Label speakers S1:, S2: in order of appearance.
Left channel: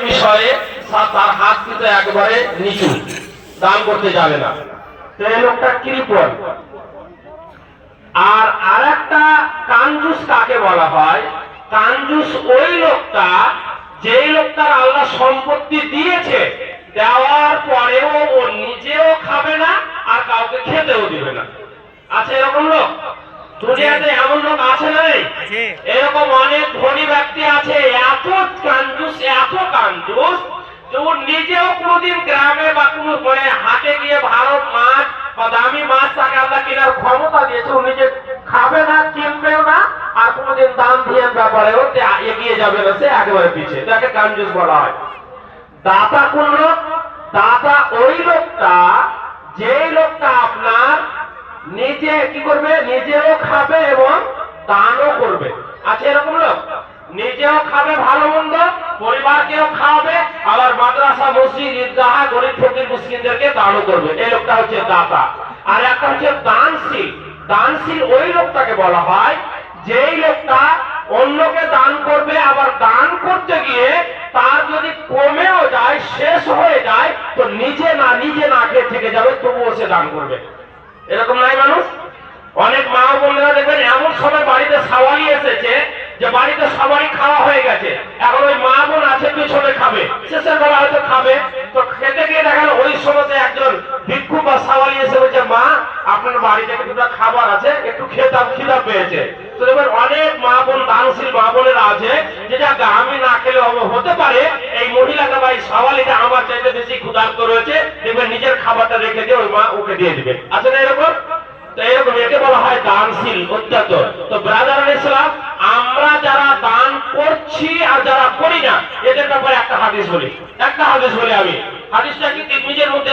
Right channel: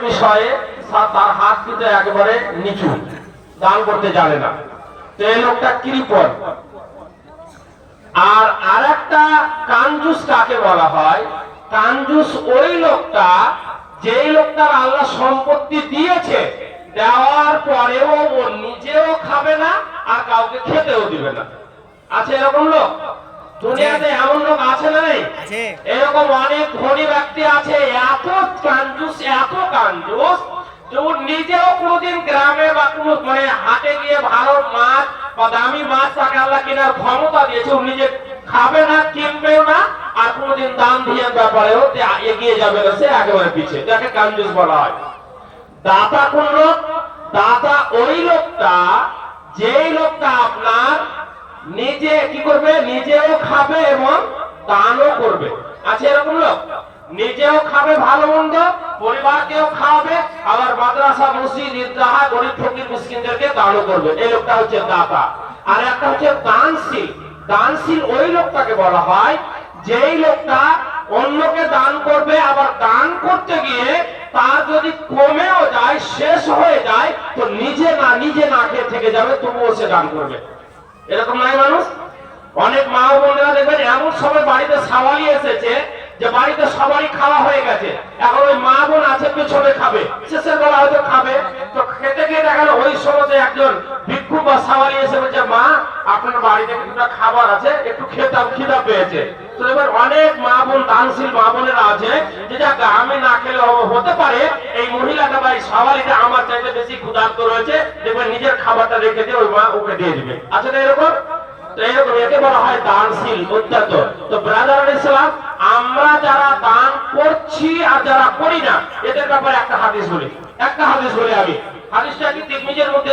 S1: বিষয়ে তার হাত কিন্তু একবারে নিচু। দান করতে জানে না। তো এই লোকটা আর কাঞ্জুস কাকে বলা হয়? কাঞ্জুস ওই লোকটা, যেই লোকটার আল্লাহ সম্পত্তি দিয়েছে, দেওয়ার পরেও ও নিজেও খাবে না আর কাউকে খেতেও দিবে না। আছে এরকম লোক? দুনিয়াতে এমন লোক আছে না
S2: আছে।
S1: এরকম অনেক ধনী ব্যক্তি আছে। এত এত যে ও নিজেও কোনোদিন গ্রামে বা কোনো হাটে গিয়ে ভালো মাছ বা দামি মাছ তাকে আল্লাহ কেনার ক্ষমতা দিয়েছে। ও নিজে খাবে না কিনবেও না আর কোনোদিন দাম ধিয়ান ব্যাপারেও এগিয়ে যাবে না সে একেবারে পিছিয়ে যাকে কাঞ্জুস বলা হয়। দাতা কোন লোক? দাতা ওই লোকটা যেই লোকটা আপনার নিজে কি করবে? নিজেও খাবে এবং দানও করবে। আছে এরকম লোক? নিজেও খাবে ভালো মন্দ, পরিবারকেও খাওয়াবে, আবার মাদ্রাসা, মসজিদ, ঈদগাহ, গরিব, ফকির, মুসলিমদেরকে দানও করবে। এই লোকটা হচ্ছে দাতা। আর একটা হচ্ছে দানশীল। দানশীল ওই লোকটাকে বলা হয়, যেই লোকটা অন্যকে দান করবে, আবার দান করতে গিয়ে তার যদি কমেও যায়, শেষ হয়ে যায়, তো নিজে না নিজে না খেয়ে থেকে যাবে, তবুও সে দান করবে। এরকম নাই মানুষ? অনেক মা বোনরা দেখবেন এমন সময় বাড়িতে সাওয়ারি এসেছে যে বাড়িতে সবারই খাওয়া হয়ে গেছে। এখন ওই মা বোন আছে, পিছনে খাবে। শেষের বেলা হয়তো খাবে। তো খেতে গিয়ে দেখেন ওই সময়তে একজন ভিক্ষু বা সাওয়ারি এসে বলছে, মা, আপনার বাড়িতে খাবার আছে, একটু খেতাম, খিদা পেয়েছে। তো অনেক মা বোন, দানশীল মা বোনেরা আছে, যে যাক আমি না খেলে হতে পারে, এই মহিলাটা বা এই সাওয়ালিটা আমার চাইতে বেশি ক্ষুধার্ত রয়েছে, দেখবেন নিজের খাবারটা রেখে দিয়ে ওই মা ওকে দিয়ে দিবে। আছে না এরকম? আমরা যারা দান করছি আর যারা করি না, এদের ব্যাপারে একটা হাদিস বলি। একটা হাদিস বলি আমি। হাদিসটা কি? তিরমিজের মধ্যে